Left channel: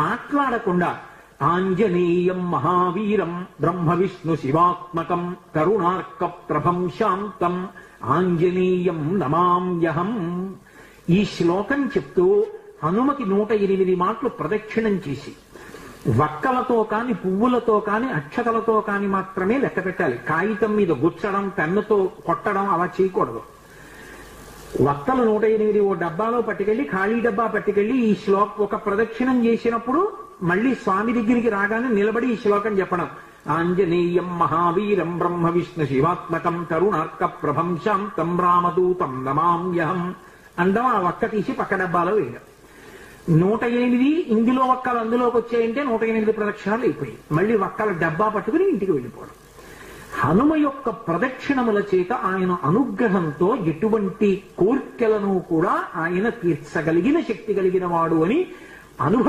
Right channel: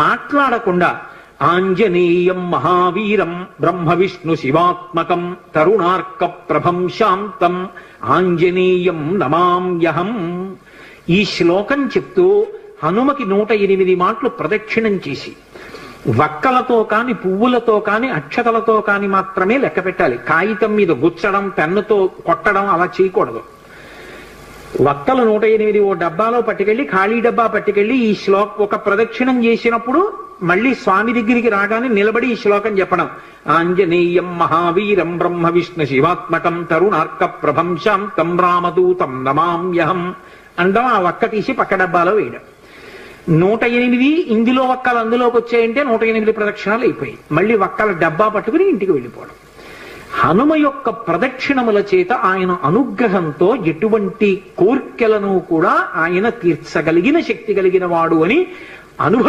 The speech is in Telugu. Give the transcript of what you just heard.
మాట్లాడకుండా ఆంజనేయం మహావీరం బ్రహ్మ విష్ణు శివాత్మకం తరుణార్క ప్రభం శాంతం ఆంజనేయం నమామ్యహం. ఈ శ్లోకం చెప్తూ హనుమకి 108 మాటలు ప్రదక్షిణం చేసి వక్కలతో కాని పువ్వులతో కాని అక్షతలతో కాని మాత్రమే లెక్క పెట్టాలి. కాగితం మీద గుచ్చడం పెన్నుతో కొట్టడం అలా చేయకూడదు. వక్కలు 108 ఓ డబ్బాలో పట్టుకెళ్ళి ఖాళీ డబ్బా పట్టుకెళ్ళి ఈ ఒక ప్రదక్షిణం చేసినప్పుడు మళ్ళీ స్వామి దగ్గరికి రాగానే నిలబడి ఈ శ్లోకం చెప్పడం. ఆంజనేయం మహావీరం బ్రహ్మ విష్ణు శివాత్మకం తరుణార్క ప్రభం శాంతం రామదూతం నమామ్యహం అండం. ఆ వక్క తీసి పక్క డబ్బాలో వేయడం. 108 ఇందులో వక్కలు అందులోకి వచ్చాయంటే 108 ప్రదక్షిణాలు అయిపోయి మళ్ళీ వక్కల డబ్బా పట్టుకుని ఇంటికి వెళ్ళిపోవడం. హనుమ యొక్క ప్రదక్షిణముల చేత ఆయన అనుగ్రహంతో ఎటువంటి కోర్కెలను కూడా ఆయన తీర్చగలిగిన శక్తి కలిగిన వాడు అని అనుభవం